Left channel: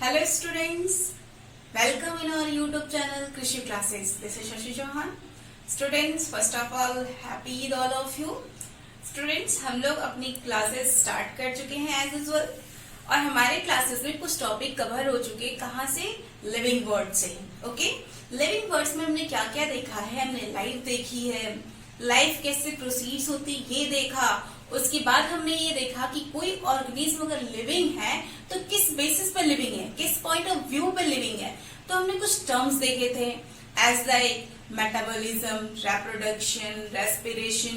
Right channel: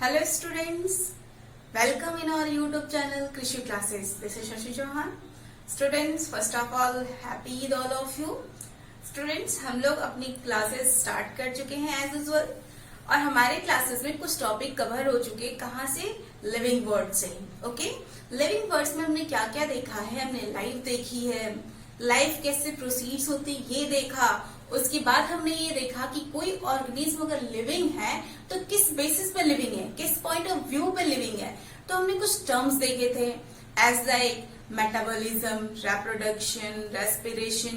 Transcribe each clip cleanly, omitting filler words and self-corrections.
Hello students, welcome in our YouTube channel Krishi Classes. This is Shashi Chauhan. Students, first of all, happy Eid all of you. Students, हम लोग अपनी classes start कर चुके हैं as usual और हमारे classes में कुछ टॉपिक कवर हो चुके हैं. कहाँ से? लिविंग वर्ड से. ओके, लिविंग वर्ड्स में हमने क्या क्या देखा है? हमने लाइफ देखी है, लाइफ कैसे प्रोसीड्स होती ये देखा. उसके बाद हमने ये देखा कि कोई ऑर्गेनिज्म अगर लिविंग है तो किस बेसिस पे लिविंग है, किस पॉइंट ऑफ व्यू पे लिविंग है. तो हमने कुछ टर्म्स देखे थे as like metabolism, reproduction, respiration.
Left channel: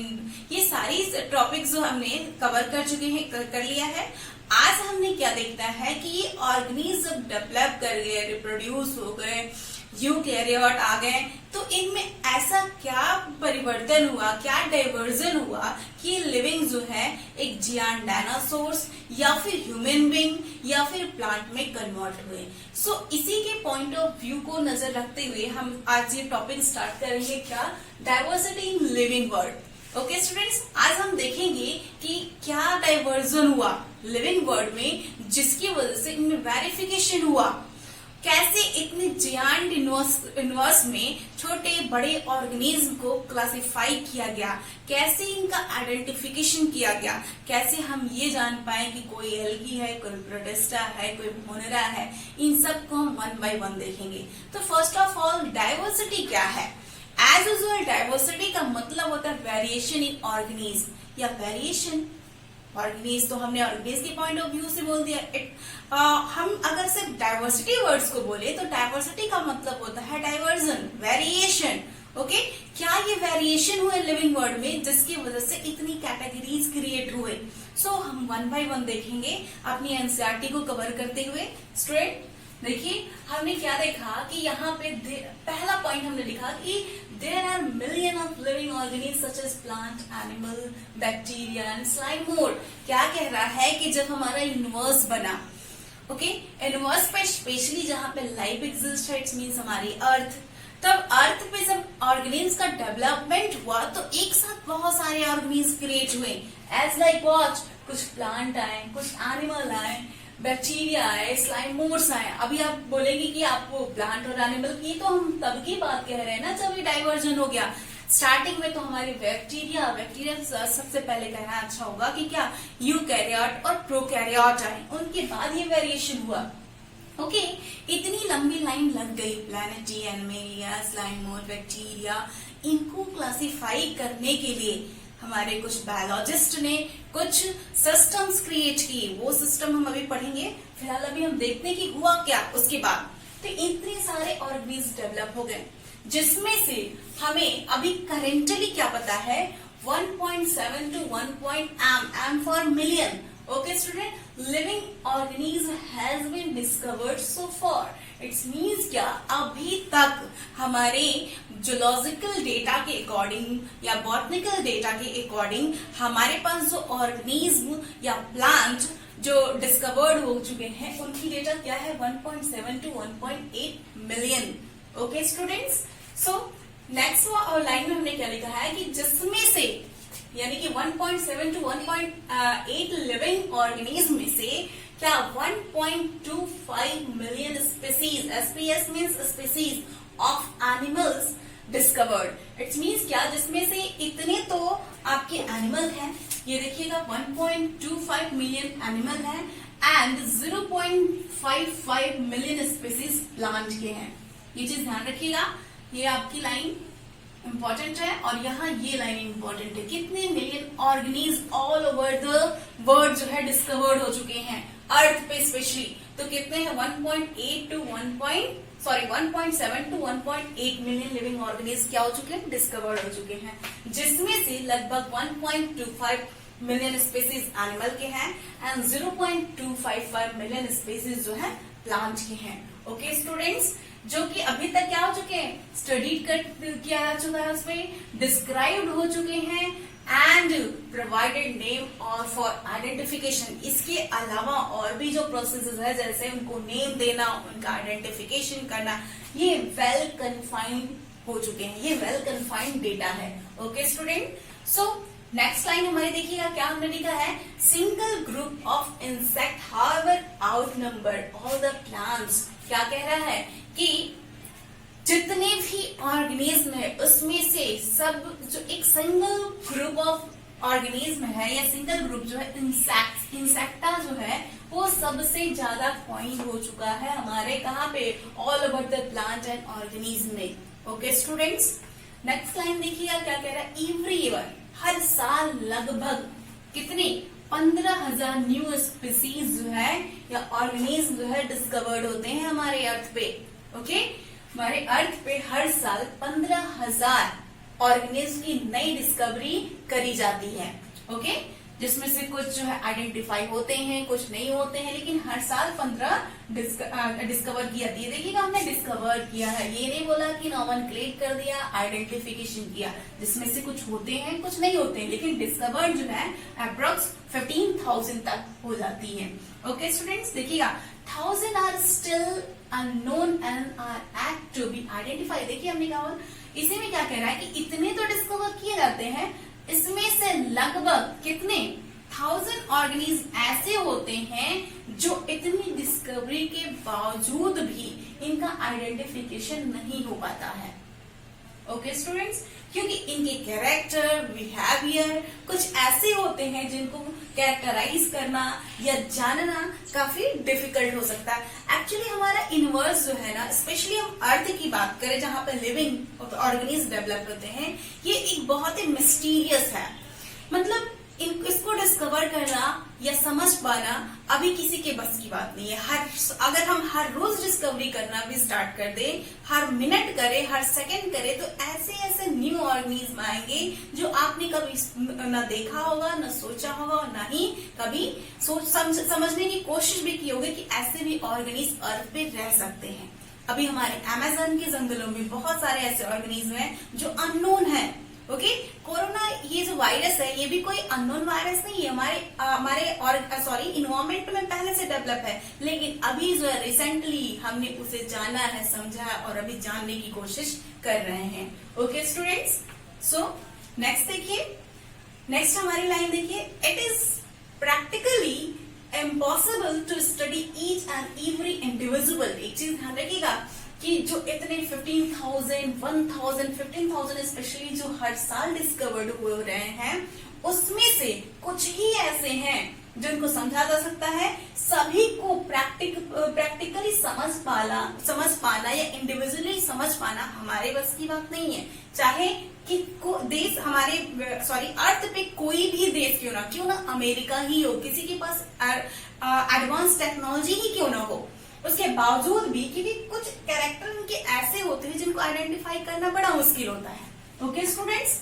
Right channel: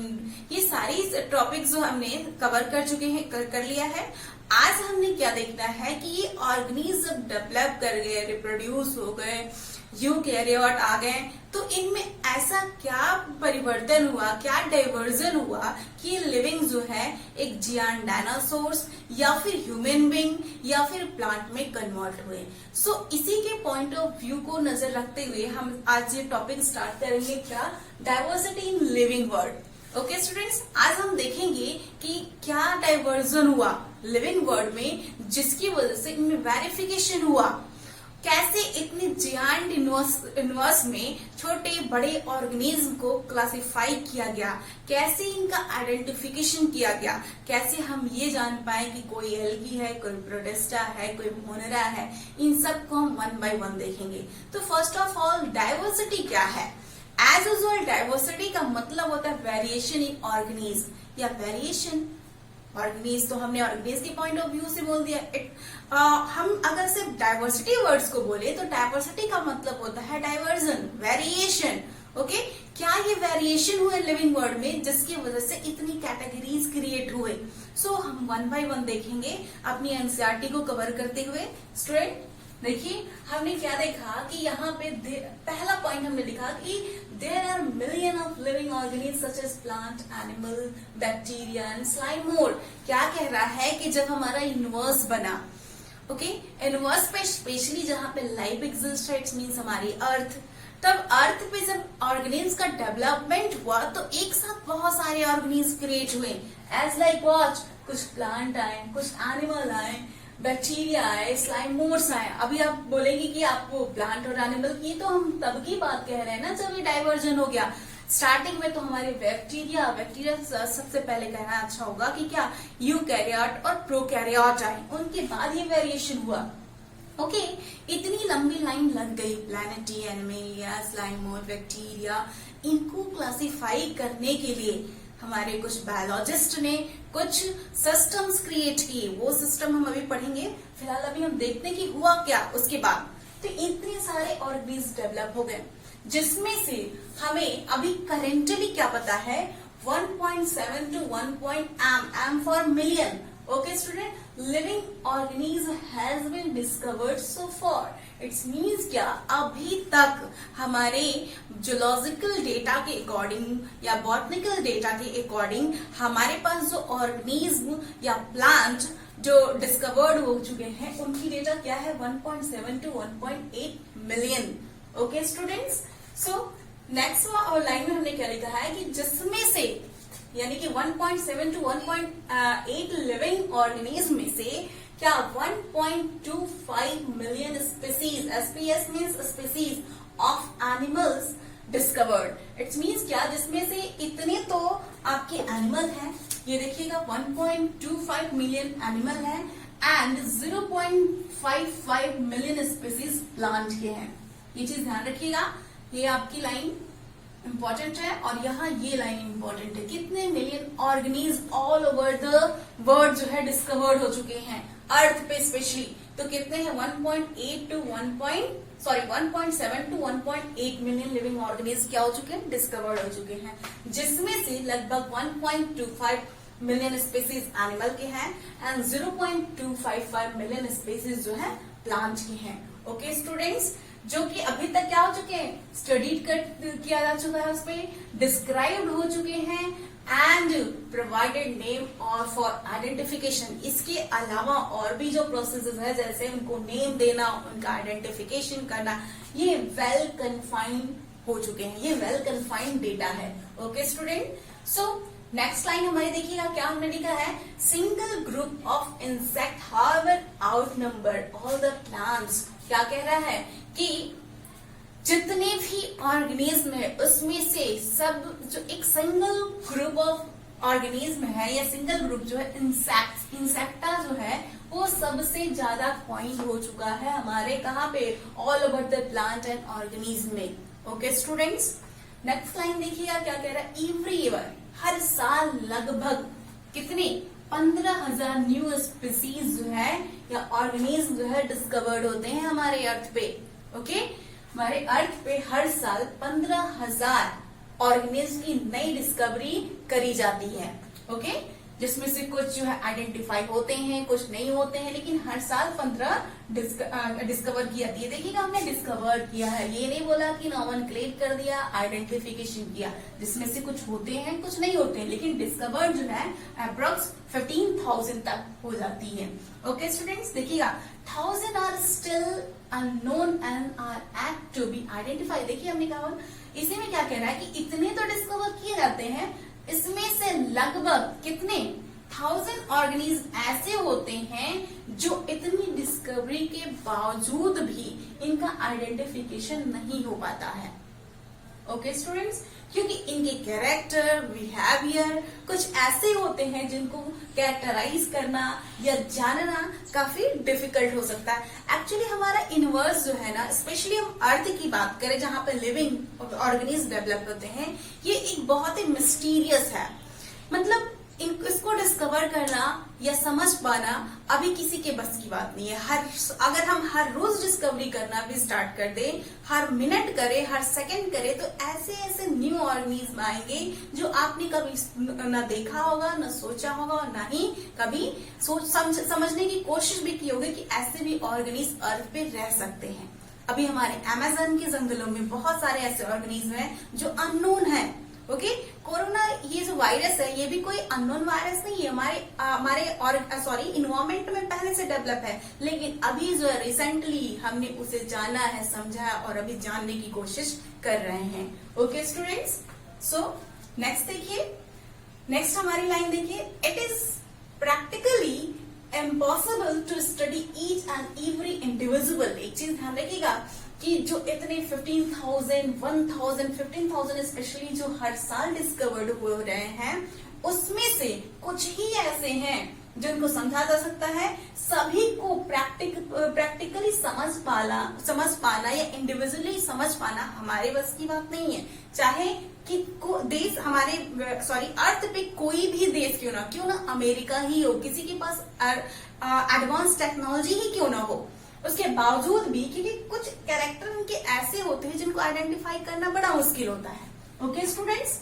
ये सारी टॉपिक्स जो हमने कवर कर चुके हैं, कर लिया है. आज हमने क्या देखना है कि ये ऑर्गेनिज्म डेवलप कर गए, रिप्रोड्यूस हो गए, यूकैरियोट आ गए, तो इनमें ऐसा क्या परिवर्तन हुआ, क्या डाइवर्जन हुआ कि ये लिविंग जो है एक जियांट डायनासोर्स या फिर ह्यूमन बीइंग या फिर प्लांट में कन्वर्ट हुए. सो इसी के पॉइंट ऑफ व्यू को नजर रखते हुए हम आज ये टॉपिक स्टार्ट करेंगे. क्या? Diversity in living word. Okay students, आज हम देखेंगे कि क्या डाइवर्जन हुआ लिविंग वर्ड में जिसकी वजह से इनमें वेरिफिकेशन हुआ. कैसे इतने जियांट यूनिवर्स में छोटे बड़े ऑर्गेनिज्म को क्लासिफाई किया गया, कैसे इनका आइडेंटिफिकेशन किया गया, कैसे हम ये जान पाए कि कोई एल्गी है, कोई प्रोटिस्टा है, कोई मोनेरा है. इन सब को हम वन बाय वन देखेंगे. तो फर्स्ट ऑफ ऑल डाइवर्सिटी क्या है? एज यूजुअल डाइवर्सिटी का मतलब होता है वेरिएशन इन ऑर्गेनिज्म या वेरिएशन. ऑर्गेनिज्म तो हमने ऑर्गेनिज्म के पॉइंट ऑफ व्यू से बोल दिया. हम अगर सिर्फ डाइवर्सिटी वर्ड्स को बोले तो डाइवर्सिटी का मतलब होता है डाइवर्जन, वेरिएशन. ओके, क्या ये वेरिएशन हुए लिविंग वर्ड में जिसकी वजह से इतनी कैटेगरीज क्रिएट हुए. सो हम वन बाय वन देखेंगे अपनी एनसीईआरटी को कवर करते हुए. स्टूडेंट देखिए, हमने क्या देखा कि यहाँ पे पहला पॉइंट हमने लिखा कि there are million of living organism such as plant, animal, bacteria and slime mould. क्या कह रहा है कि जब हमारा यूनिवर्स बना, ओके, यूनिवर्स पे स्पेशली जहाँ पे लाइफ एग्जिस्ट है, इट्स मीन्स हमारी अर्थ, तब अर्थ पे जब ऑर्गेनिज्म का डेवलपमेंट हुआ तो एक साथ बहुत सारे ऑर्गेनिज्म क्रिएट हुए. एज लाइक वॉच, कुछ प्लांट आए, कुछ एनिमल आए, बैक्टीरिया आए, स्लाइम मोर्स आए. अभी आप बोलेंगे कि आपको प्लांट और एनिमल की, तो हम तब की बात कह रहे हैं ना जब ये डाइवर्जन हो गया. स्टार्टिंग में तो हमारे बैक्टीरिया सबसे पहले कहना अच्छा होगा कि क्या यूकैरियोट और प्रोकैरियोट आए, उनके बाद ये वेरिएशन हुआ. ओके, इतनी लंबी लाइन लग गई. प्लैनेटी, एनिमेलिया, स्लाइम मोर, बैक्टीरिया, इनको क्लासिफाई करने के लिए हमारे कुछ बायोलॉजिस्ट ने कुछ सिस्टम्स क्रिएट किए. वो सिस्टम हम अभी पढ़ेंगे. फिलहाल अभी हम देखते हैं कि हुआ क्या उसके बाद. तो इतने सारे ऑर्गेनिज्म डेवलप हो गए जिसमें से हमें अभी करेंटली क्या पता है, 1.7 to 1. M for million. Okay student, living organism has been discovered so far. It's means क्या, अभी तक हमारे जूलॉजिकल डेटा के अकॉर्डिंग या बॉटनिकल डेटा के अकॉर्डिंग हमारे पास जो ऑर्गेनिज्म या प्लांट जो डिस्कवर्ड हो चुके हैं उनकी डेटा क्या है, 1.7 to 1.8 million. Okay students, so next line में हमने क्या लिखा है कि जिसमें से यानी कि 1.7 to 1.8 लिविंग ऑर्गेनिज्म में से क्या 1.25 million species, SPS means species of animals discovered. It's means क्या, जिसमें से इतने तो आपके एनिमल हैं, ये देखिएगा 1.25 मिलियन एनिमल है एंड 0.55 मिलियन स्पीसीज प्लांट के हैं. ये चीज ध्यान रखिएगा. ये आपकी लाइन इंपॉर्टेंट है और यहाँ ये लाइन इंपॉर्टेंट है. कितने million organism all over the world जो है डिस्कवर्ड हो चुके हैं अर्थ पे स्पेशली. तो कितने हैं, 1.7 to 1.8 मिलियन लिविंग ऑर्गेनिज्म क्या हो चुके हैं, डिस्कवर्ड हो चुके हैं. जिसमें से लगभग 1.25 मिलियन स्पीसीज एनिमल के हैं एंड 0.255 मिलियन स्पीसीज जो है प्लांट के हैं. ओके स्टूडेंट्स, जो कि अभी तक क्या हो चुके हैं, स्टडीड किया जा चुका है, उसपे डिस्क्राइब्ड हो चुके हैं एंड प्रोवाइडेड नेम और फॉर आइडेंटिफिकेशन. इसके अलावा और भी जो प्रोसेसेस है जैसे उनको नेम देना, उनका आइडेंटिफिकेशन करना, ये वेल कन्फाइंड हो चुके हैं. ये वेल कन्फाइंड डेटा है. Okay student, so next line हमारी देखिएगा, क्या हमने लिखा है, single group of insect however out numbered all the plants. क्या कह रहा है कि जितने भी ऑर्गेनिज्म है उसमें से सब जो एक सिंगल ग्रुप ऑफ ऑर्गेनिज्म है या सिंगल ग्रुप जो है इंसेक्टा जो है वो सबसे ज्यादा पॉइंट हो चुका है हमारे कहाँ पे, all over the plant and organism में। ओके स्टूडेंट्स, नेक्स्ट लाइन देखिएगा क्या कह रहा है, एवरी ईयर हर साल लगभग कितने 15,000 न्यू स्पीसीज जो है या ऑर्गेनिज्म जो है डिस्कवर्ड होते हैं हमारे अर्थ पे। ओके, हमारे अर्थ पे हर साल 15,000 ऑर्गेनिज्म की नई डिस्कवरी करी जाती है। ओके, जिसमें से कुछ जो है आइडेंटिफाई होते हैं, कुछ नहीं होते हैं, लेकिन हर साल 15 डिस्कवर की जाती है। देखिएगा, हमने डिस्कवर किया है, ये नहीं बोला कि नॉमेनक्लेट कर दिया, आइडेंटिफिकेशन किया, जिसमें से कुछ होते हैं कुछ नहीं होते हैं, लेकिन डिस्कवर्ड जो है अप्रोक्स 15,000 तक हो जाती है। ओके स्टूडेंट्स, देखिएगा 1000 are still unknown and are act to be identified. देखिए हमने कहा, इसी में क्या कह रहा है कि इतने तो डिस्कवर किए जाते हैं, इसमें से लगभग कितने 1000 ऑर्गेनिज्म ऐसे होते हैं जो इतनी डिस्कवरी के बावजूद भी इनका आइडेंटिफिकेशन नहीं हो पाता है। ओके स्टूडेंट्स, क्योंकि इनके कैरेक्टर, बिहेवियर कुछ ऐसे होते हैं जिनको कैरेक्टराइज करना या जानना काफी डिफिकल्ट हो सकता है। एक्चुअली हमारा यूनिवर्स जो है ना, स्पेशली हम अर्थ की बात करें जहां पर लिविंग ऑर्गेनिज्म डेवलप होते हैं, ये एक बहुत ही मिस्टीरियस है। मतलब इसको डिस्कवर करना या समझ पाना अभी किसी के बस की बात नहीं है। अगर हम हर रोज डिस्कवरी करना भी स्टार्ट कर दें, हर मिनट करें, हर सेकंड करें, तो ऐसे ऐसे न्यू ऑर्गेनिज्म आएंगे जो आपने कभी ना देखा होगा, ना सोचा होगा, और ना ही कभी समझने की कोशिश भी की होगी कि ऐसे भी ऑर्गेनिज्म अर्थ पे रह सकते हैं। अभी हमारे अमेज़न के जंगलों में बहुत सारे ऐसे ऑर्गेनिज्म हैं जो अननोन है। ओके, कोरोना ये जो वायरस है ये भी कोई अननोन वायरस नहीं है, हमारे इन्वायरमेंट में पहले से डेवलप है, लेकिन अभी जो है रिसेंटली हमने उसे जाना है, समझा है और अभी जानने की कोशिश कर रहे हैं। ओके स्टूडेंट्स, सो नेक्स्ट देखिए, नेक्स्ट हमारी लाइन देखिए, it is practically impossible to study each and every individual. एक चीज ध्यान रखिएगा कि जो इतने 15,000, 1,000, 15,000 स्पेशली जो हर साल डिस्कवर्ड हो रहे हैं, उसमें से कुछ ही ऐसे हैं जिनको समझा जा सकता है। सभी को प्रैक्टिकली समझ पाना या इंडिविजुअली समझ पाना हमारे बस की बात नहीं है। चाहे कि देश हमारे अर्थ पे कोई भी देश क्यों ना अमेरिका ही हो, किसी के पास एडवांस टेक्नोलॉजी ही क्यों ना हो, उसके बावजूद भी क्योंकि कुछ कैरेक्टर उनके ऐसे होते हैं जिनको आइडेंटिफाई करना बड़ा मुश्किल होता है। ओके स्टूडेंट्स,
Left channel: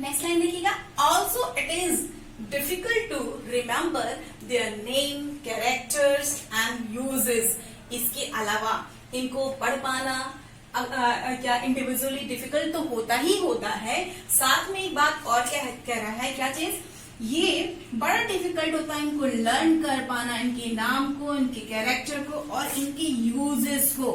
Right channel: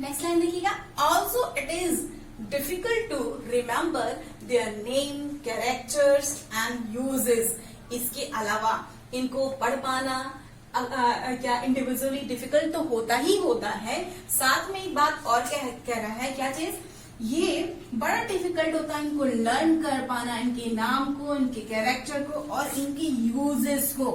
नेक्स्ट लाइन देखिएगा, also it is difficult to remember their name, characters and uses. इसके अलावा इनको पढ़ पाना क्या इंडिविजुअली डिफिकल्ट तो होता ही होता है, साथ में एक बात और कह रहा है, क्या चीज, ये बड़ा डिफिकल्ट होता है इनको लर्न कर पाना, इनके नाम को, इनके कैरेक्टर को और इनके यूजेस को।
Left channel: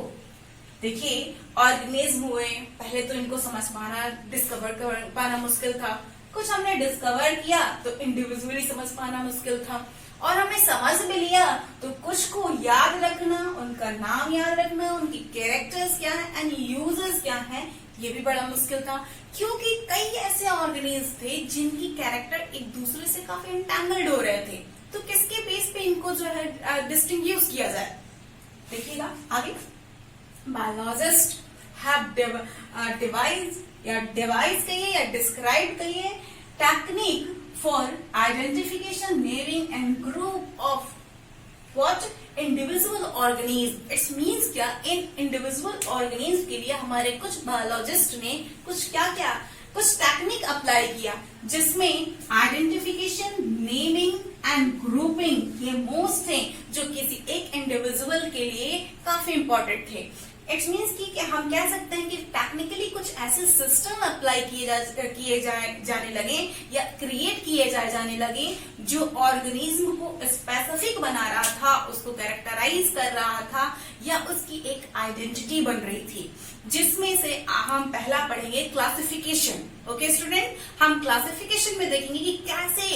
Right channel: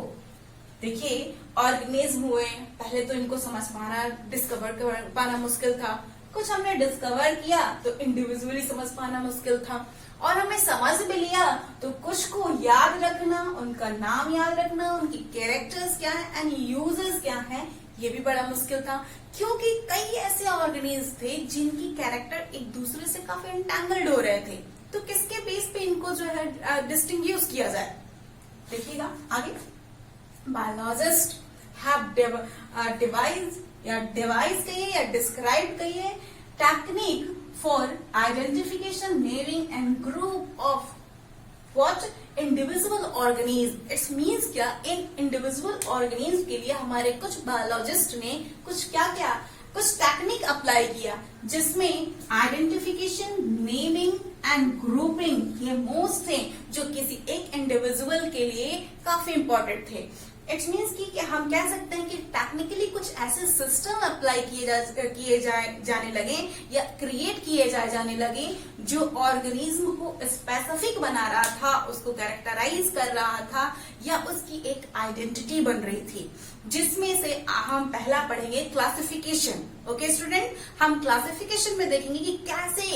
देखिए ऑर्गेनिज्म हुए, पहले तो इनको समझ पाना, डिस्कवर कर पाना मुश्किल था, कुछ हमने डिस्कवर किया तो इंडिविजुअली समझ पाना मुश्किल था, और हमने समझ भी लिया तो कुछ को याद रखना, उनका नाम याद रखना, उनकी कैरेक्टर्स क्या है एंड यूजेस क्या है, ये भी बड़ा मुश्किल था, क्योंकि कई ऐसे ऑर्गेनिज्म थे जिनकी कैरेक्टर एक दूसरे से काफी एंटैंगल्ड हो रहे थे। तो किसके बेस पे इनको जो है डिस्टिंग्विश किया जाए, देखिएगा आगे। बायोलॉजिस्ट हैव डिवाइस कहिए या डिस्क्राइब कहिए technique for identification, naming and group of what individual organism. It's means क्या, इन इंडिविजुअल ऑर्गेनिज्म के लिए हमारे कुछ बायोलॉजिस्ट ने कुछ टेक्निक अप्लाई किया, जिसमें आइडेंटिफिकेशन, नेमिंग एंड ग्रुपिंग ये मोस्ट थे जो किसी एक इंडिविजुअल के लिए काफी इंपॉर्टेंट थे। इट्स मीन्स कि हम कह सकते हैं कि टेक्निकली कुछ ऐसे सिस्टम अप्लाई किए जाने लगे या क्रिएट किए जाने लगे जो ऑर्गेनिज्म को स्पेसिफिक बना रहा था, उसको कैरेक्टराइज कर रहा था या उसकी एक आइडेंटिटी बन रही थी, जिसमें से हम पहला पढ़ेंगे क्लासिफिकेशन। ओके स्टूडेंट, हम क्लासिफिकेशन में देखेंगे कि कैसे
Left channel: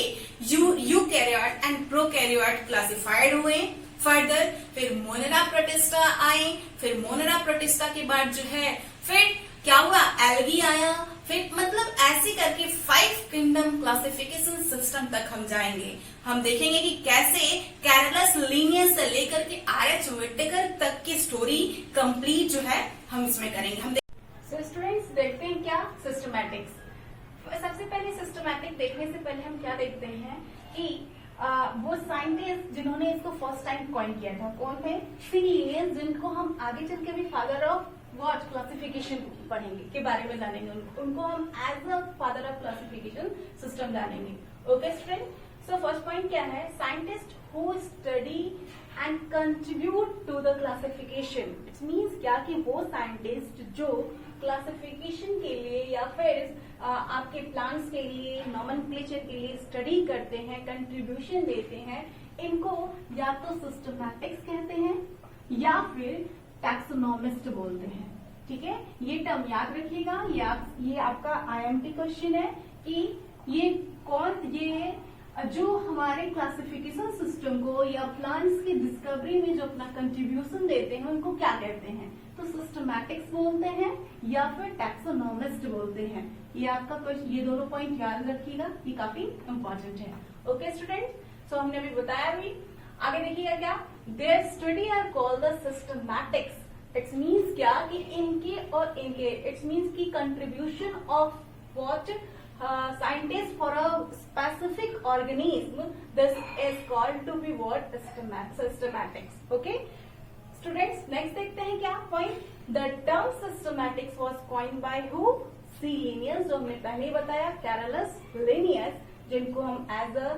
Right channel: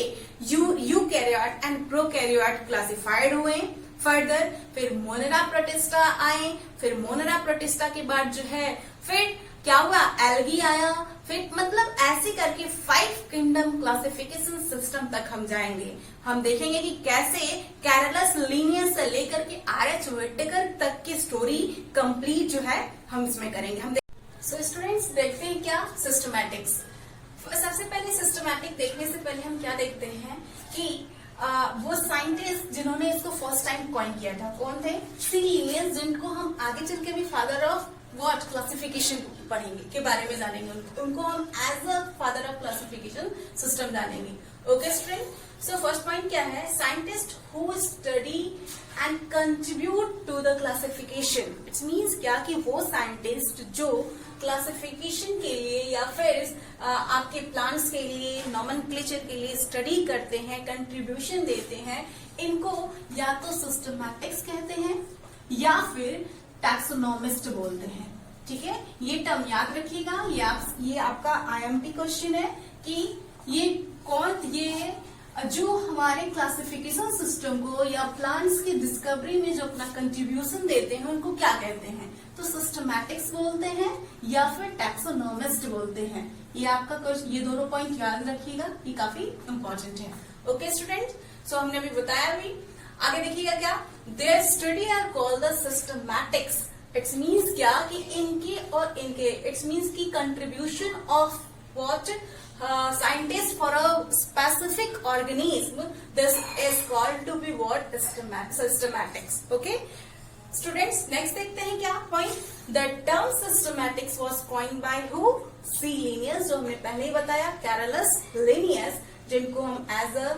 यूकैरियोट एंड प्रोकैरियोट क्लासिफाइड हुए। फर्दर फिर मोनेरा प्रोटिस्टा आए, फिर मोनेरा प्रोटिस्टा के बाद जो है फिर क्या हुआ, एल्गी आया, फिर मतलब ऐसे करके 5 किंगडम क्लासिफिकेशन सिस्टम तक हम जाएंगे। हम देखेंगे कि कैसे कैरलस लीनियस से लेकर के आर.एच. व्हिटेकर तक की स्टोरी कंप्लीट जो है हम इसमें करेंगे। हम सो स्टूडेंट्स देखते हैं क्या सिस्टमैटिक्स। सबसे पहले सिस्टमैटिक देखने से पहले हम क्या देखते हैं कि वो साइंटिस्ट जिन्होंने इसको फर्स्ट टाइम कॉइन किया था कौन थे, सी लीनियस, जिनको हम आगे चल के भी फादर ऑफ व्हाट क्लासिफिकेशन पढ़ेंगे, के बारे में जानेंगे। उनको हम as a father of classification system जानेंगे। Okay student, so first point क्या है, scientist who study and contribute to the classification. It's means क्या कि वो साइंटिस्ट जो क्लासिफिकेशन के लिए या फिर आपके प्लांट्स के लिए, नॉमेनक्लेचर के लिए स्टडी करते हैं, कंट्रीब्यूशन देते हैं, इनको या तो सिस्टमैटिक्स कहते हैं या फिर टैक्सोनॉमिस्ट बोलते हैं। ठीक है, ये टर्म याद रखिएगा। ये आपका IMP क्वेश्चन है कि ये जो हमारे क्लासिफिकेशन सिस्टम को या प्लांट्स की डिस्कवरी में जो अपना कंट्रीब्यूशन देते हैं उनको क्या कहते हैं, तो सिस्टमैटिक्स बोलते हैं या फिर टैक्सोनॉमिस्ट बोलते हैं। ये आपका क्वेश्चन, ये दोनों पॉइंट याद रखिएगा, ये काफी इंपॉर्टेंट है। ओके स्टूडेंट, सो हमने अभी बताया भी, आगे देखिएगा क्या, their study are called the systematics. It's means क्या कि इनके और इनके, इट्स मीन्स की contribution of what scientists for a specific organism, this is called to be what, systematics. Okay students, next देखते हैं क्या point, the term systematics was coined by who, C. Linnaeus, जो हमने पहले ही बताया, Carolus Linnaeus, जिनको हम as a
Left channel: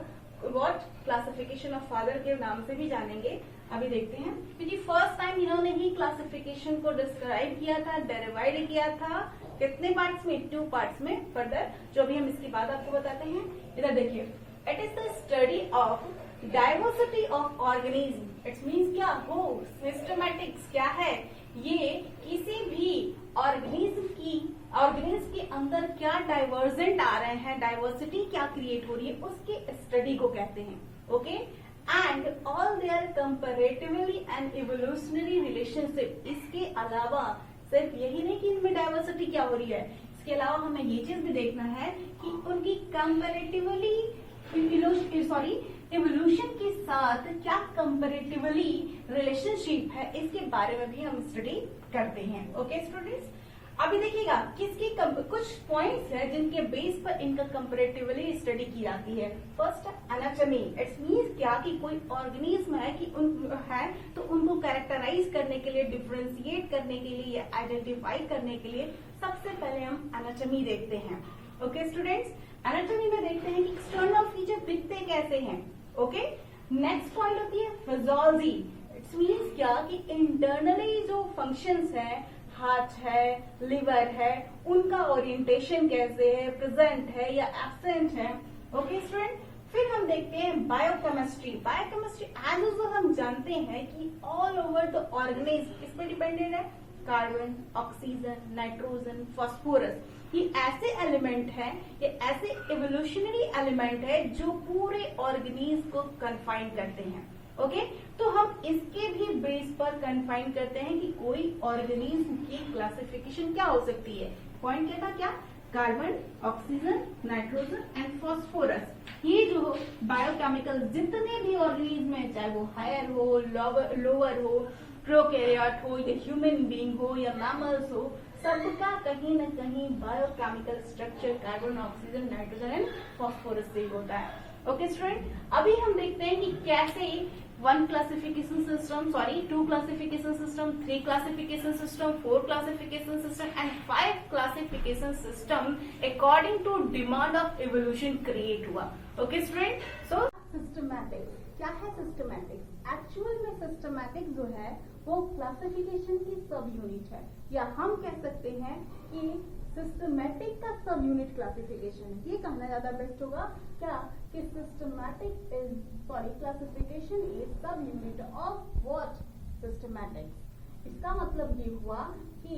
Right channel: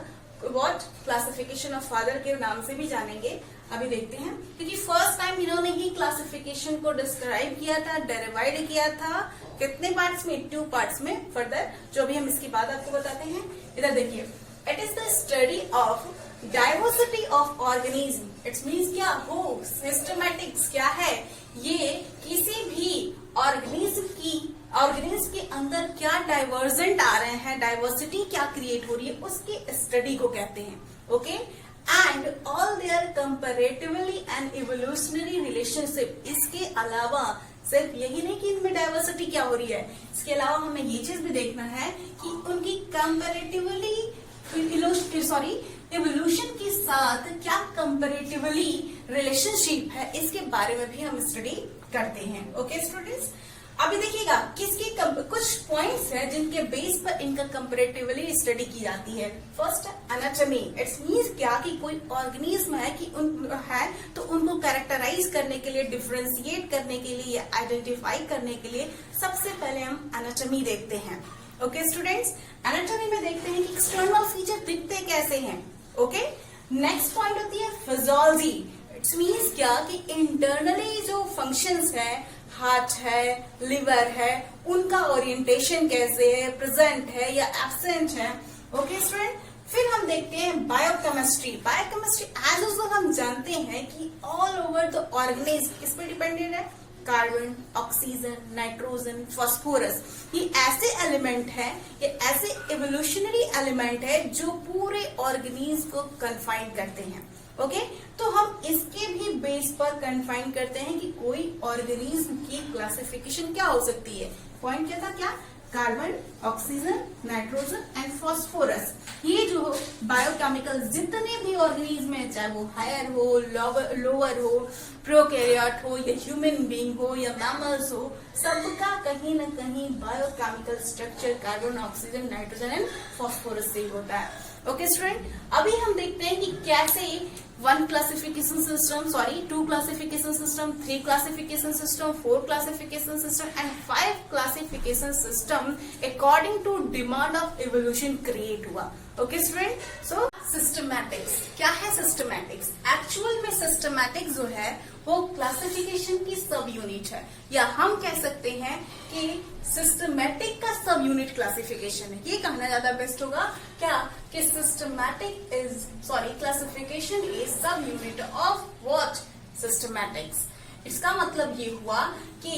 what classification of father के नाम से भी जानेंगे। अभी देखते हैं, क्योंकि फर्स्ट टाइम इन्होंने ही क्लासिफिकेशन को डिस्क्राइब किया था, डेरिवाइड किया था, कितने पार्ट्स में, 2 पार्ट्स में। फर्दर जो अभी हम इसकी बात आपको बताते हैं, इधर देखिए, it is the study of diversity of organism. It's means क्या हो, सिस्टमैटिक्स क्या है, ये किसी भी ऑर्गेनिज्म के अंदर क्या डाइवर्जेंट आ रहे हैं, डाइवर्सिटी क्या क्रिएट हो रही है, उसके स्टडी को कहते हैं। Okay, and all their comparatively and evolutionary relationship. इसके अलावा सिर्फ यही नहीं कि इनमें डाइवर्सिटी क्या हो रही है, इसके अलावा हमें ये चीज भी देखना है कि उनकी कंपैरेटिवली इवोल्यूशन के साथ क्या कंपैरेटिवली रिलेशनशिप है, इसके बारे में भी हम स्टडी करते हैं। ओके स्टूडेंट्स, अभी देखिएगा किसकी कुछ पॉइंट्स हैं जिनके बेस पर इनका कंपैरेटिवली स्टडी की जाती है। First anatomy. इट्स मींस क्या कि कोई ऑर्गेनिज्म है कि है तो उनको कैरेक्टराइज करने के लिए, डिफरेंशिएट करने के लिए या आइडेंटिफाई करने के लिए सबसे पहले हम एनाटॉमी देखते हैं। ओके स्टूडेंट्स, एनाटॉमी में देखते हैं कि एक्सटर्नल फीचर दिखते कैसे हैं। ओके, नेक्स्ट पॉइंट होती है फिजियोलॉजी। इट्स मींस क्या कि इंटरनली जो फंक्शंस है, हार्ट है, लिवर है, उनका ओरिएंटेशन कैसे है, प्रेजेंट है या एब्सेंट है। ओके स्टूडेंट, फिर हम देखते हैं बायोकेमिस्ट्री। बायोकेमिस्ट्री एज यूजुअल हम जानते हैं कि ऑल ओवर द ऑर्गेनिज्म किस पे डिपेंडेंट है, कार्बन, ऑक्सीजन, नाइट्रोजन, फास्फोरस। ये ऐसे एलिमेंट है, ये ऐसे इवोल्यूशनरी एलिमेंट है जो पूरे ऑर्गेनिज्म को कन्फाइन करते हैं। ओके, तो हम इसके भी बेस पर कन्फाइन करते हैं कि कोई ऑर्गेनिज्म की क्लासिफिकेशन क्या हो सकती है। पॉइंट क्या था, क्या, carbon, oxygen, nitrogen and phosphorus. ये जो बायोकेमिकल जितने भी ऑर्गेनिज्म है, चाहे वो हायर हो, लोअर हो, प्रोकैरियोट हो या ह्यूमन बीइंग हो या मैमल्स हो, सबका कहीं न कहीं biochemical structure carbon, oxygen, nitrogen and phosphorus से होता है। ओके स्टूडेंट, अभी हम देखते हैं कि कैसे 1 classification system, 2 classification system, 3 classification system, 4 classification system and 5 classification system according to demand of evolution create हुआ। Okay student, so systematics. क्या है सिस्टमैटिक्स? एक्चुअल में सिस्टमैटिक्स जो है वो क्लासिफिकेशन की सब यूनिट है, या हम कह सकते हैं कि सिस्टमैटिक का सब यूनिट क्लासिफिकेशन है। ये कहना ज्यादा बेस्ट होगा क्या कि systematic is classification is sub unit of what? Systematics. इसका मतलब ये हुआ कि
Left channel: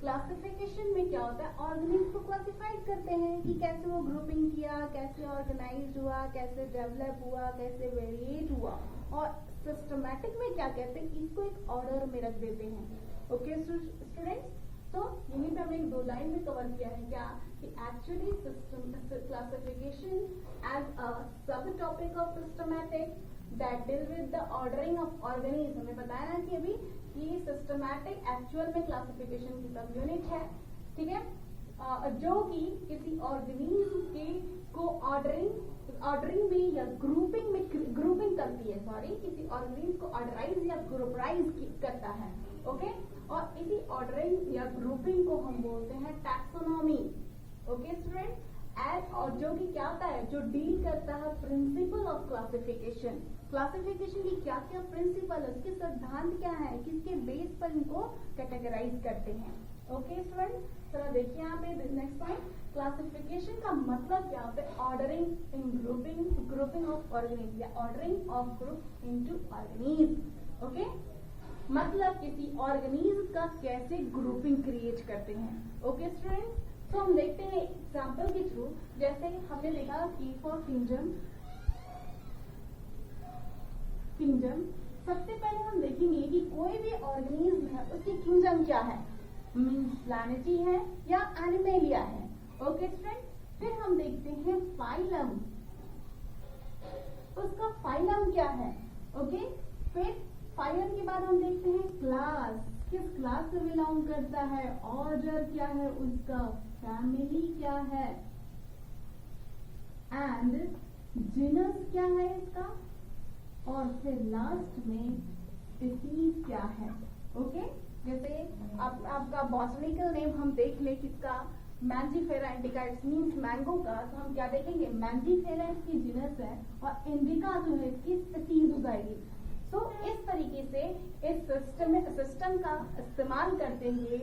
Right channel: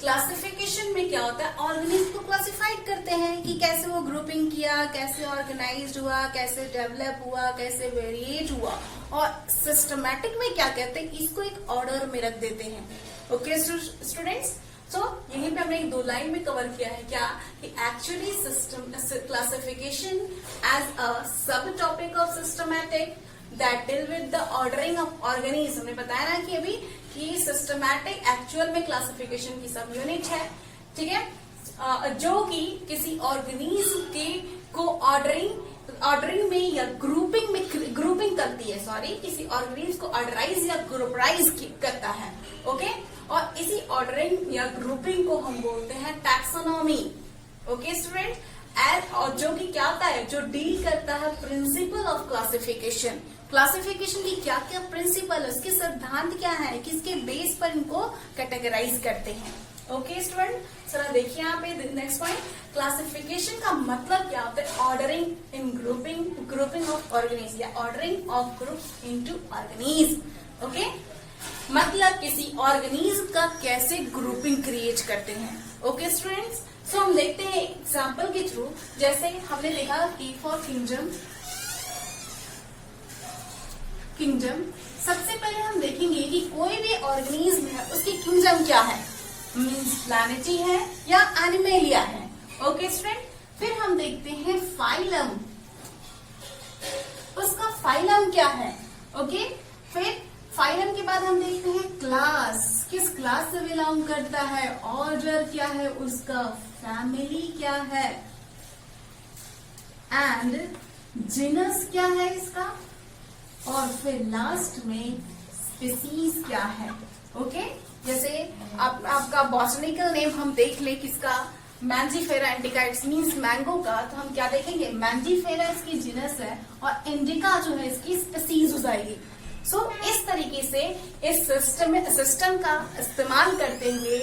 क्लासिफिकेशन में क्या होता है, ऑर्गेनिज्म को क्लासिफाइड करते हैं कि कैसे वो ग्रुपिंग किया, कैसे ऑर्गेनाइज्ड हुआ, कैसे डेवलप हुआ, कैसे वेरिएट हुआ। और सिस्टमैटिक में क्या कहते हैं, इसको एक ऑर्डर में रख देते हैं। ओके स्टूडेंट्स, सो यहीं पे हमने एक 2 लाइन में कवर किया है क्या कि actually system classification as a sub topic of systematic that deal with the ordering of organism. हमने बताया ना कि अभी कि सिस्टमैटिक एक्चुअल में क्लासिफिकेशन की सब यूनिट है, ठीक है, जो कि किसी ऑर्गेनिज्म के को ऑर्डरिंग में या ग्रुपिंग करती है, किसी ऑर्गेनिज्म को ऑर्डराइज या ग्रुपराइज करता है। ओके, और इसी ऑर्डरिंग या ग्रुपिंग को हम बोलते हैं टैक्सोनॉमी। ओके स्टूडेंट, और जो कि क्या होता है, जो डील करता है प्रिंसिपल ऑफ क्लासिफिकेशन। क्लासिफिकेशन की क्या क्या प्रिंसिपल है, उसके सिद्धांत क्या है, किसके बेस पर इनको कैटेगराइज करते हैं। ओके स्टूडेंट, चलो देखिए यहाँ पे नेक्स्ट पॉइंट, क्लासिफिकेशन का मतलब क्या होता है, ordering in grouping of organism या ordering of group into organism. Okay, मतलब किसी ऑर्गेनिज्म का कैसे ग्रुपिंग क्रिएट करते हैं। ओके स्टूडेंट्स, सो हम देखते हैं एग्जाम्पल के थ्रू। जैसे हमने देखा कि फॉर किंगडम, सबसे पहले हम देखेंगे कि कोई भी ऑर्गेनिज्म है उसकी किंगडम क्या है, मीन्स प्लैनेटरी है या एनिमेलिया है। ओके स्टूडेंट, फिर हम देखते हैं फाइलम, उसका फाइलम क्या है। ओके, फिर फाइलम के बाद हम देखते हैं क्लास, किस क्लास से बिलोंग करता है, ऑर्डर क्या है उसका, फैमिली क्या है, एंड जीनस क्या है इसका, और फिर लास्ट में स्पीसीज क्या है। ओके, जैसे आपका बॉटनिकल नेम हम देख ले किसका, Mangifera indica, it's means mango का, तो हम क्या देखेंगे, मैंजीफेरा इसकी जीनस है और इंडिका जो है इसकी स्पीसीज हो जाएगी। सो इस तरीके से इस सिस्टम का इस्तेमाल करते हुए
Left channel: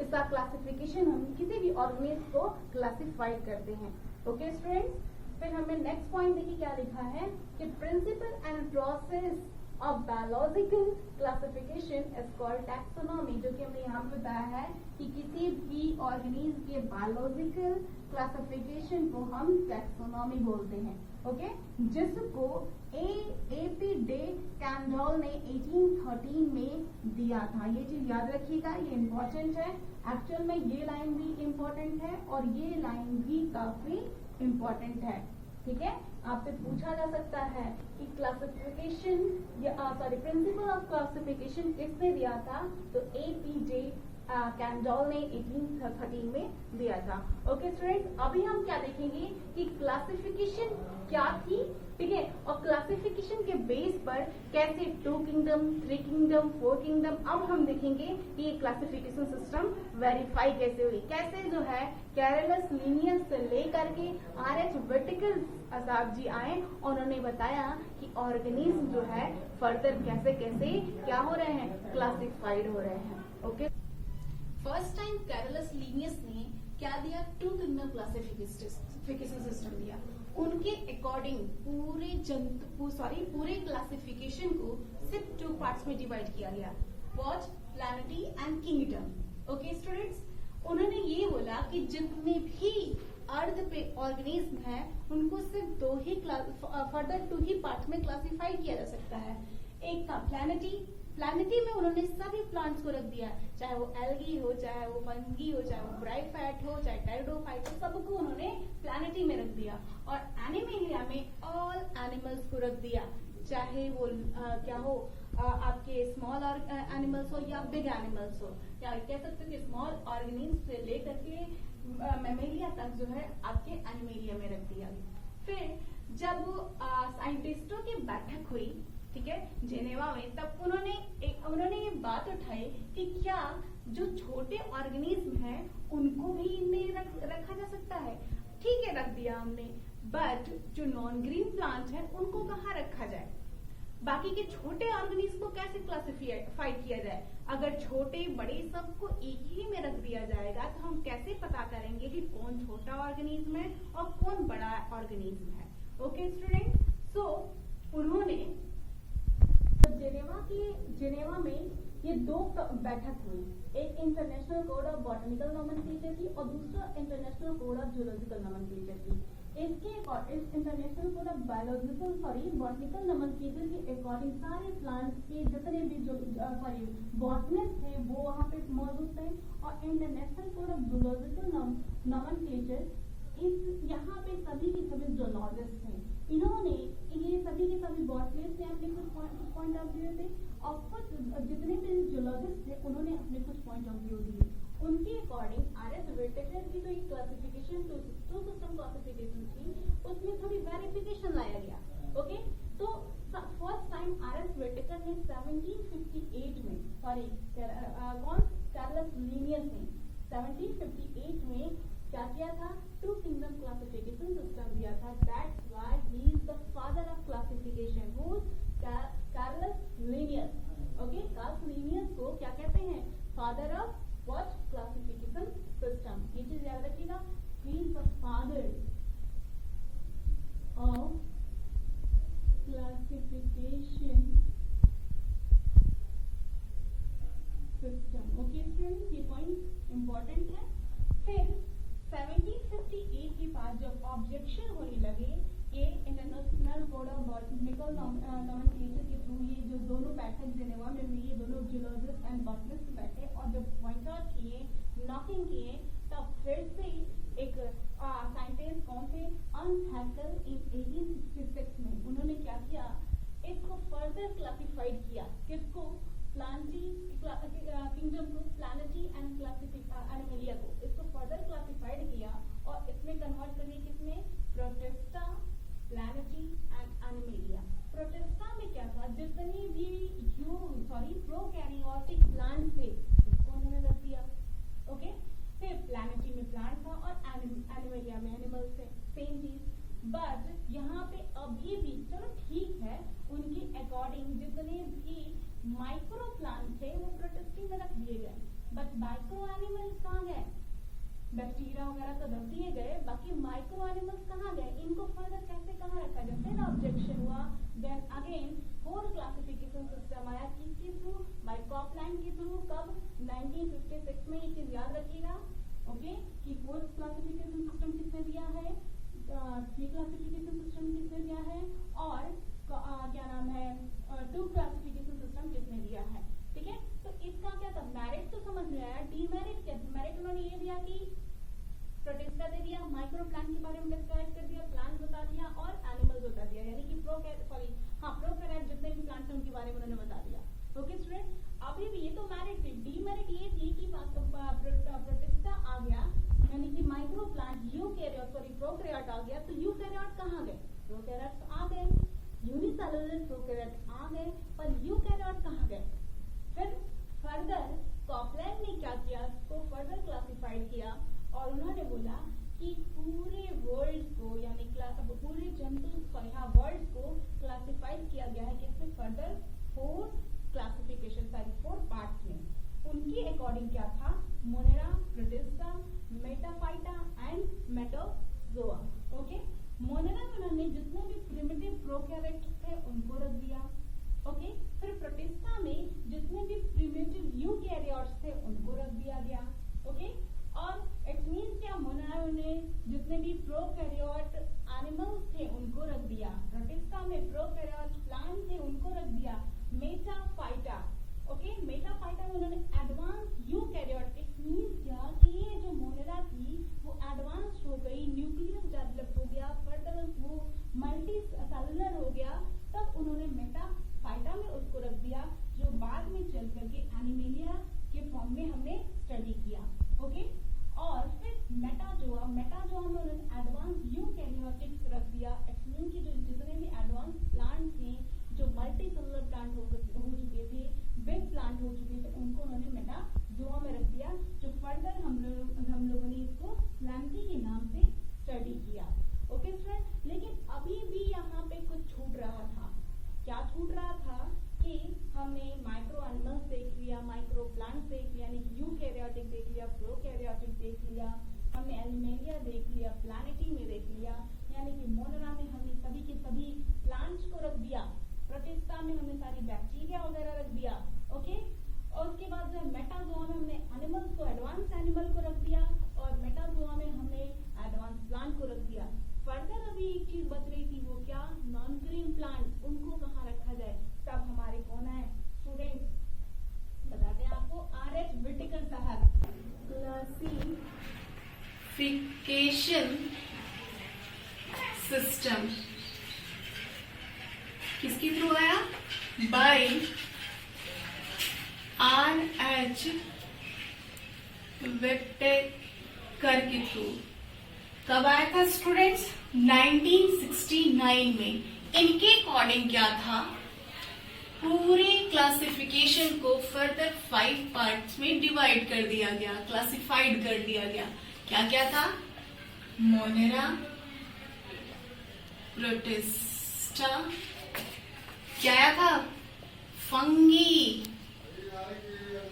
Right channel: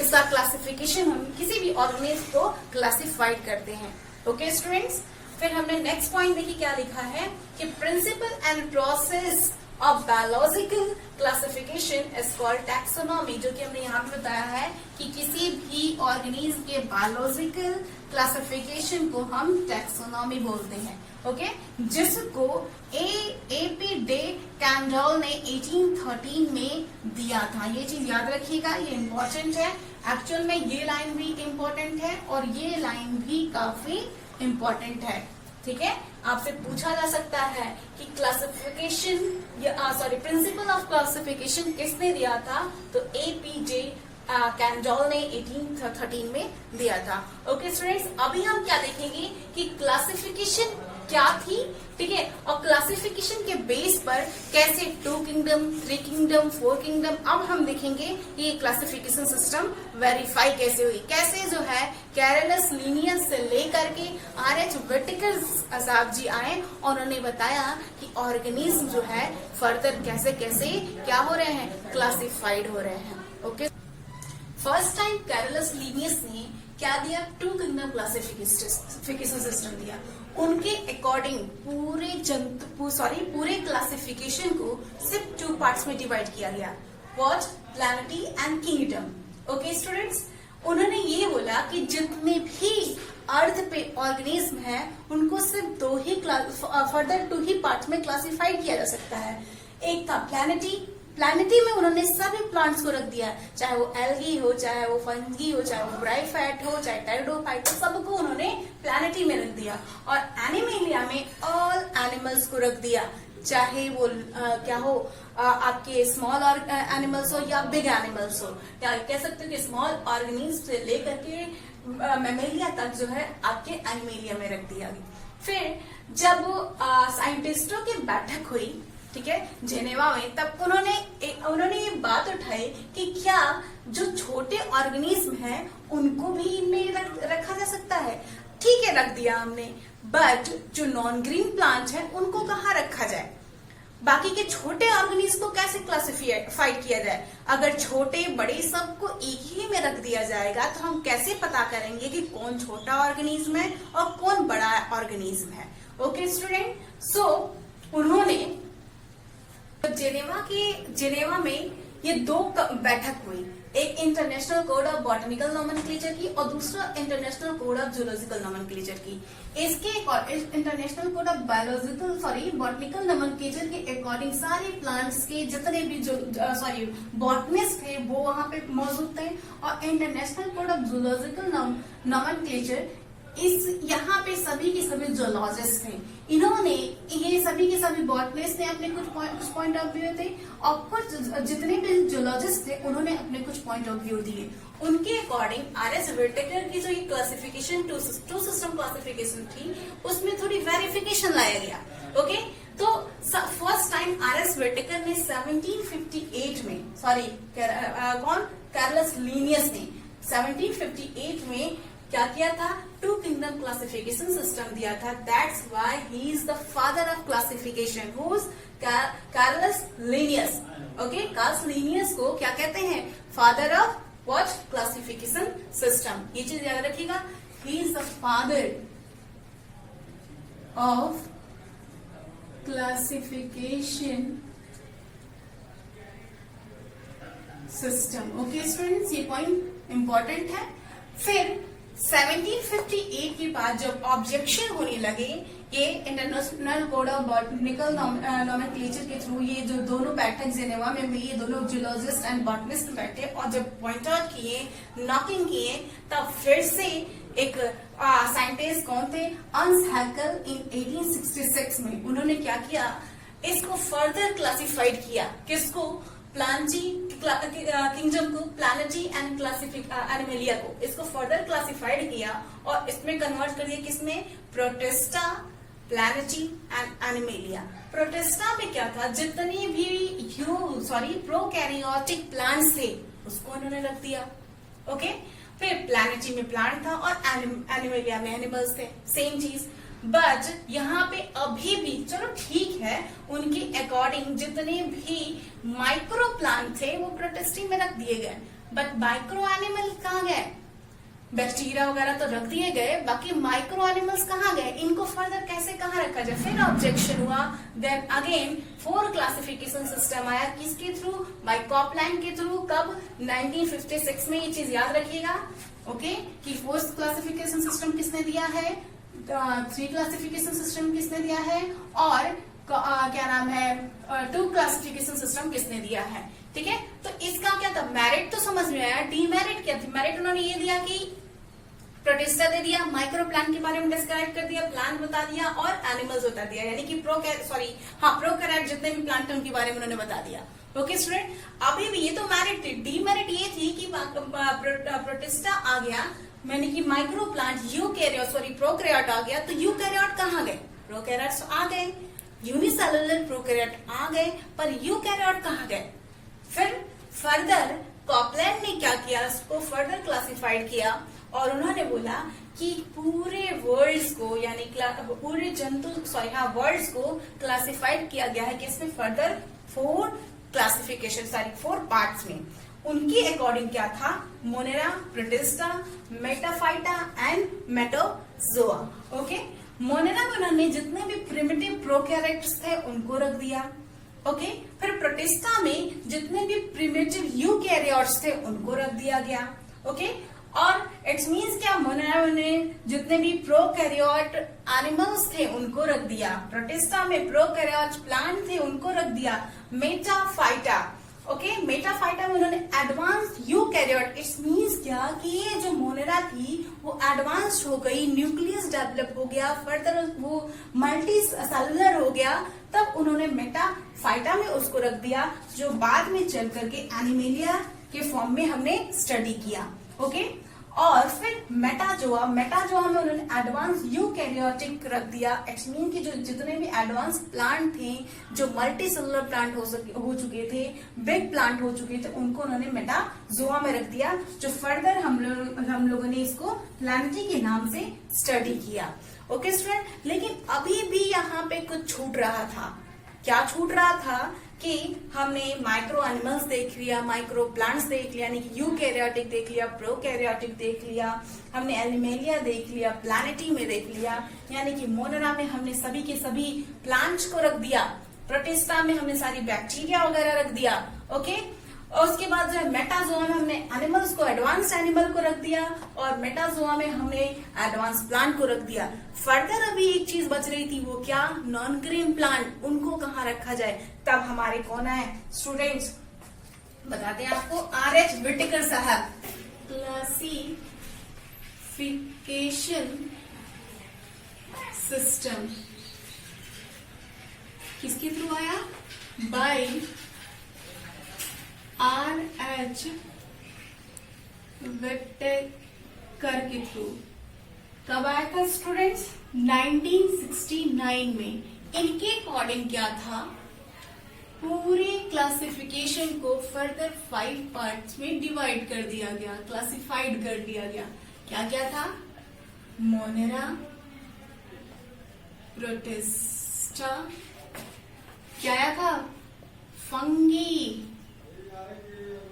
इसका क्लासिफिकेशन हम किसी भी ऑर्गेनिज्म को क्लासिफाइड करते हैं। ओके स्टूडेंट्स, फिर हमने नेक्स्ट पॉइंट देखिए क्या लिखा है कि principle and process of biological classification is called taxonomy, जो कि हमने यहाँ पे बताया है कि किसी भी ऑर्गेनिज्म के बायोलॉजिकल क्लासिफिकेशन को हम टैक्सोनॉमी बोलते हैं। ओके, जिसको A.P. डे कैंडल ने 1813 में दिया था। ये चीज याद रखिएगा, ये इम्पोर्टेंट है। एक्चुअल में ये लाइन भी इम्पोर्टेंट है और ये लाइन भी काफी इम्पोर्टेंट है। ठीक है, आपसे पूछा जा सकता है कि क्लासिफिकेशन प्रिंसिपल ऑफ क्लासिफिकेशन किसने दिया था, तो A.P. डे कैंडल ने 1813 में दिया था। ओके स्टूडेंट्स, अभी हम क्या देखेंगे कि क्लासिफिकेशन क्या थी, ठीक है, और क्लासिफिकेशन के बेस पर कैसे 2 किंगडम, 3 किंगडम, 4 किंगडम, अब हम देखेंगे ये क्लासिफिकेशन सिस्टम वेरीफाई कैसे हुई, कैसे जो है कैरोलस लीनियस से लेकर के R.H. व्हिटेकर साहब जी आए और उन्होंने बताया कि ऑर्गेनिज्म जो है फर्दर कैसे कैसे क्या हो रहे हैं, क्लासिफाइड हो रहे हैं। Okay, first time Carolus Linnaeus ने क्या दिया, 2 किंगडम क्लासिफिकेशन सिस्टम दिया। उनके अकॉर्डिंग पूरे क्लासिफिकेशन को सिर्फ 2 पार्ट्स में डिवाइड किया गया, what, planetary and kingdom. Okay students, उन्होंने ये बोला कि जितने भी अर्थ पे ऑर्गेनिज्म है उनको सिर्फ 2 ही पार्ट्स में क्लासिफाइड किया जा सकता है। एक था प्लैनेटरी में उन्होंने सभी प्लांट्स को रख दिया, चाहे वो एल्गी हो, चाहे वो फंगी हो, चाहे वो ब्राइफाइट हो, चाहे टेरिडोफाइट हो, सबको उन्होंने प्लैनेटरी में रख दिया। और एनिमेलिया में ऑल एनिमल्स को रख दिया, चाहे वो क्या हो, आपके स्मॉल एनिमल्स हो या बिग एनिमल्स हो, या कह सकते हो कि स्मॉल ऑर्गेनिज्म से लेकर के मैमेलिया तक जो है आपके एनिमेलिया में रख दिया। फिर जब साइंटिस्टों की बैठक हुई, ठीक है, जेनेवा में, तब उन्होंने ये बात उठाई कि क्या जो छोटे ऑर्गेनिज्म हैं उनको भी इनमें रखा जा सकता है। ठीक है, रख दिया हमने, बट जो नॉन ग्रीन प्लांट है उनको कहाँ रखा जाए, बाकी के छोटे ऑर्गेनिज्म को कैसे क्लासिफाइड किया जाए। अगर छोटे बड़े सबको एक ही में रख दिया जाएगा तो हम कैसे पता करेंगे कि कौन छोटा ऑर्गेनिज्म है और कौन बड़ा ऑर्गेनिज्म है। ओके स्टूडेंट, सो उन्होंने जेनेवा में ये दो बैठक हुई, एक international code of botanical nomenclature की और दूसरा international code of zoological nomenclature की। इसके international code of botanical nomenclature के अकॉर्डिंग सारे प्लांट्स के जितने भी बॉटनिस्ट थे वो वहां पे मौजूद थे, और international code of zoological nomenclature यहाँ पे सभी के सभी जूलॉजिस्ट थे। इन्होंने ये सभी के सभी बॉटनिस्ट ने अपने कुछ पॉइंट ऑफ व्यू थे, और कुछ जितने भी जूलॉजिस्ट थे उन्होंने अपने कुछ पॉइंट ऑफ व्यू दिए। उनके अकॉर्डिंग आर.एस. व्हिटेकर की जो ये क्लासिफिकेशन टू सिस्टम क्लासिफिकेशन थी उसमें थोड़ी वेरिफिकेशन लाया गया। ओके, तो फर्स्ट टाइम आर.एस. व्हिटेकर ने 1758 में कार्लस लीनियस ने 1758 में क्या किया था, टू किंगडम क्लासिफिकेशन सिस्टम दिया था। That's why he is the father of classification, who is Carolus Linnaeus. Okay, Carolus Linnaeus को क्या कहते हैं, father of what, classification system. ये चीज याद रखिएगा, he is the father of classification system. Okay students, ये पॉइंट इंपॉर्टेंट है। फिर 1758 के बाद जब ऑब्जेक्शन होने लगे, ये international code of botanical nomenclature के थ्रू ये जो दोनों बैठक जेनेवा में हुई, ये दोनों जूलॉजिस्ट एंड बॉटनिस्ट बैठे और जब पॉइंट आउट किए, नॉकिंग किए, तब फिर से एक साइंटिस्ट कौन थे, अर्न्स्ट हैकेल, इन 1866 में उन्होंने क्या किया, इसको फर्दर क्लासिफाइड किया। किसको, प्लांटी किंगडम को, प्लानेटी एंड एनिमेलिया को, इसको फर्दर क्लासिफाइड किया और इसमें कन्वर्ट कर दिया किसमें, प्रोटिस्टा, प्लानेटी एंड एनिमेलिया। प्रोटिस्टा में क्या था, जितने भी प्रोकैरियोटिक प्लांट्स थे उसको उन्होंने रख दिया। ओके, फिर प्लानेटी में प्लांट था और एनिमेलिया में एनिमल्स थे, सेम चीज। बट यहाँ पे अभी भी चलो ठीक है, उनके अकॉर्डिंग जितने भी माइक्रो प्लांट थे वो प्रोटिस्टी में रख दिए गए, बट माइक्रो एनिमल कहाँ गए, बैक्टीरिया वगैरह तो रख दिए गए, बाकी माइक्रो एनिमल्स कहाँ गए, इनको फर्दर कैसे कहाँ रखा जाए। फिर ऑब्जेक्शन हुआ, देन अगेन 4 क्लासिफिकेशन सिस्टम आया, किसके थ्रू, बाय कॉपलैंड के थ्रू। कब, 1956 में। ये चीज याद रखिएगा, ओके, कि 4th क्लासिफिकेशन सिस्टम किसने दिया है, 3 क्लासिफिकेशन सिस्टम किसने दिया है, और क्या नाम है, 2 क्लासिफिकेशन सिस्टम किसने दिया है। ठीक है, तो इसका क्या था, मेरिट तो समझ में आया, डीमेरिट क्या थी। मेरिट उन्होंने ये दिया कि प्रोटिस्टा दे दिया, माइक्रो प्लांट के बारे में डिस्क्राइब कर दिया, प्लांट बता दिया और एनिमल्स बता दिया, यानी कि प्रोकैरियोट जितने भी प्लांट थे उनके बारे में उन्होंने बता दिया। ओके स्टूडेंट, अभी भी ये तो मेरिट थी। डीमेरिट ये थी कि प्रोटिस्टा आ गया, मैंने कि माइक्रो प्लांट प्रोकैरियोट आ गया, तो यूकैरियोट कहाँ गए, प्रोकैरियोट्स आ गए, यूनिसेलुलर प्रोकैरियोट आ गए, पर यूकैरियोट कहाँ गए। फिर फर्दर कॉपलैंड ने क्या किया, उसको फर्दर क्लासिफाइड किया और उन्होंने बोला कि पूरे वर्ल्ड्स को, यानी पूरे वर्ल्ड्स को क्लासिफाइड किया गया है, किसमें, फर्दर 4 क्लासिफिकेशन 4 पार्ट्स में। उनके अकॉर्डिंग क्या था, Monera, Protista, Metaphyta and Metazoa. Okay, Monera में उन्होंने जितने भी प्रिमिटिव प्रोकैरियोट्स थे उनको रख दिया। ओके, फिर प्रोटिस्टा में जितने भी प्रिमिटिव यूकैरियोट्स थे उनको रख दिया गया। ओके, और इट्स मीन्स क्या, मोनेरा में जितने भी प्रोकैरियोट एनिमल्स थे उनको रख दिया, प्रोटिस्टा में प्रोकैरियोट प्लांट थे उनको रख दिया, मेटाफाइटा। ओके, मेटाफाइटा में उन्होंने एडवांस यूकैरियोट, इट्स मीन्स क्या कि ये जो मोनेरा थी वो एडवांस्ड हो गई, न्यूक्लियस डेवलप हो गया, फर्दर वो मल्टी सेलुलर हो गया, तब उन्होंने मेटाफाइटा में उसको रख दिया, जो बाद में चल करके एनिमेलिया के फॉर्म में हमने स्टडी किया। ओके, और फिर मेटाजोआ में उन्होंने एडवांस यूकैरियोटिक रख दिया। इट्स मीन कि जो जितने भी एडवांस प्लांट थे, जो मल्टी सेलुलर प्लांट हो चुके थे, बिग प्लांट हो चुके थे, उनको उन्होंने मेटाजोआ में रख दिया, जो फर्दर हम लोगों ने इसको प्लानेटी के नाम से स्टडी किया। ओके स्टूडेंट, लेकिन अभी भी यहाँ पे कुछ छूट रहा था। क्या छूट रहा था कि हमने माइक्रो एनिमल्स देख लिया, माइक्रो प्लांट्स देख लिया, यानी कि यूकैरियोटिक देख लिया, प्रोकैरियोटिक देख लिया, हमने एनिमेलिया देख लिया, प्लैनेटी में देख लिया, यानी कि मोनेरा में हमने सभी के सभी प्लांट्स को रख दिया, प्रोटिस्टा में हमने सारी बैक्टीरिया वगैरह रख दिया। ओके, और उसके बाद जो है मेटाजोआ में हमने एनिमल्स को, एडवांस्ड एनिमल को रख दिया, और मेटाजोआ में हमने एडवांस प्लांट को रख दिया। फर्दर अभी एक चीज बच रही थी, वो क्या, नॉन ग्रीन प्लांट, उनको कहाँ रखा जाए। तब हमारे कौन है स्टूडेंट्स, बताते हैं आपको, आर.एच. विटेकर साहब, क्लासिफिकेशन सिस्टम किसके थ्रू आया, बाय आर.एच. विटेकर के थ्रू। कब आया था स्टूडेंट्स, 1969 में। इनके अकॉर्डिंग क्या था, पूरे क्लासिफिकेशन को फर्दर 5 पार्ट्स में डिवाइड कर दिया गया, क्लासिफाइड कर दिया गया। क्या क्या था, मोनेरा, प्रोटिस्टा, क्या था, फंगी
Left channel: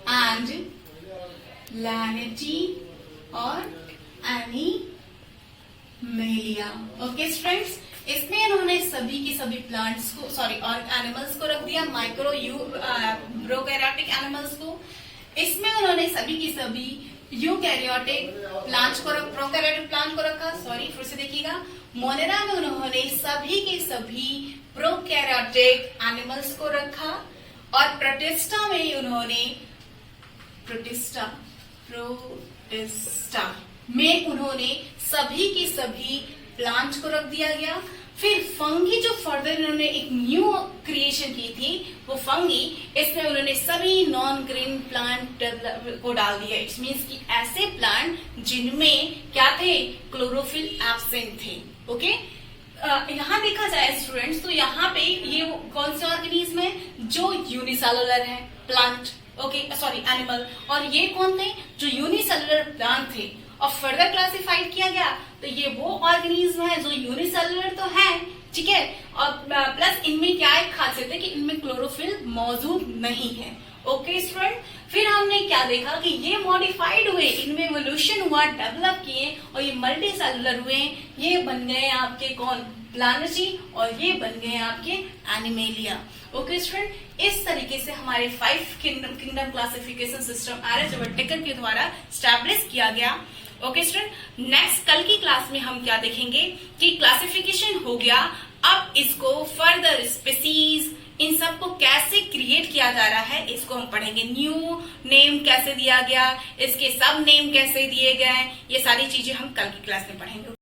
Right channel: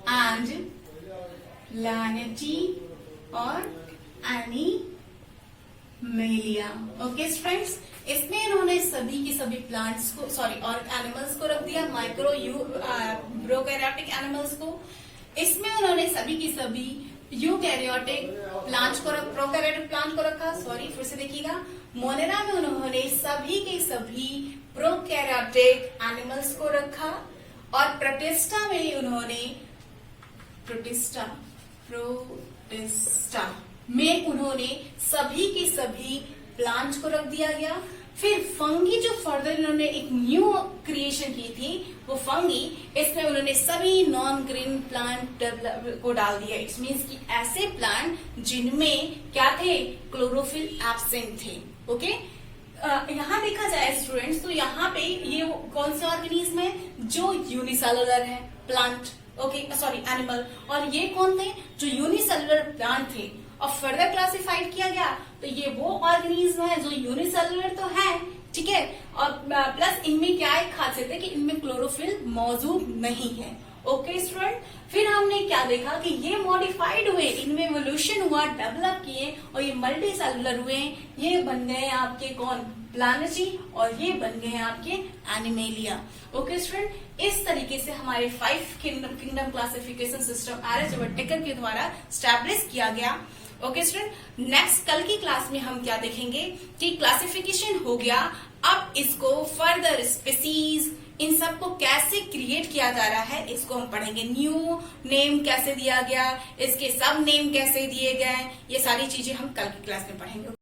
एंड लैनेटी और एनीमेलिया। ओके फ्रेंड्स, इसमें इन्होंने सभी के सभी प्लांट्स को, सॉरी, और एनिमल्स को रख दिया, माइक्रो प्रोकैरियोटिक एनिमल्स को। इसमें उन्होंने सभी की सभी यूकैरियोटिक प्लांट्स को, प्रोकैरियोटिक प्लांट को रखा, सॉरी फिर से देखिएगा, मोनेरा में उन्होंने सभी के सभी प्रोकैरियोटिक एनिमल्स को रखा, और प्रोटिस्टा में उन्होंने प्रोटिस्टा में उन्होंने सभी के सभी प्लांट को रख दिया गया। फिर फंगी जो फर्दर इन्होंने एक न्यू क्रिएशन की थी, वो फंगी, इसमें उन्होंने सभी नॉन ग्रीन प्लांट को डाल दिया। इट मीन्स कि ऐसे प्लांट जिनमें क्या थे, क्लोरोफिल एब्सेंट थे। ओके, यहाँ देखा जाए स्टूडेंट्स, तो यहाँ पे ये कौन से ऑर्गेनिज्म है, जो यूनिसेलुलर है प्लांट, ओके सॉरी एनिमल, और ये कौन थे, जो यूनिसेलुलर प्लांट थे। और फर्दर क्लासिफाइड किया गया तो ये वो ऑर्गेनिज्म है जो यूनिसेलुलर तो है, ठीक है, और प्लस इनमें क्या एक खासियत है कि इनमें क्लोरोफिल मौजूद नहीं है। ओके स्टूडेंट, फिर हमने क्या देखा कि ये मॉडिफाइड हुए, इनमें इवोल्यूशन हुआ, डेवलप किए, और ये मल्टी सेलुलर हुए, ये बन गए आपके कौन, प्लानेटी, और ये बन गए आपके एनिमेलिया। ओके स्टूडेंट, इस तरीके से हमारे 5 kingdom classification system R H. Whittaker के द्वारा स्टैब्लिश किया गया। ओके स्टूडेंट, नेक्स्ट कल की क्लास में हम क्या देखेंगे कि क्लासिफिकेशन हो गया, अब इसको फर्दर स्पीसीज, इन सबको कैसे क्रिएट किया जा रहा है, इसको हम पढ़ेंगे। न्यू नेम कैसे दिया गया, इसके सब नेम कैसे दिए गए, ये सारी चीजें हम कल की क्लास में पढ़ेंगे।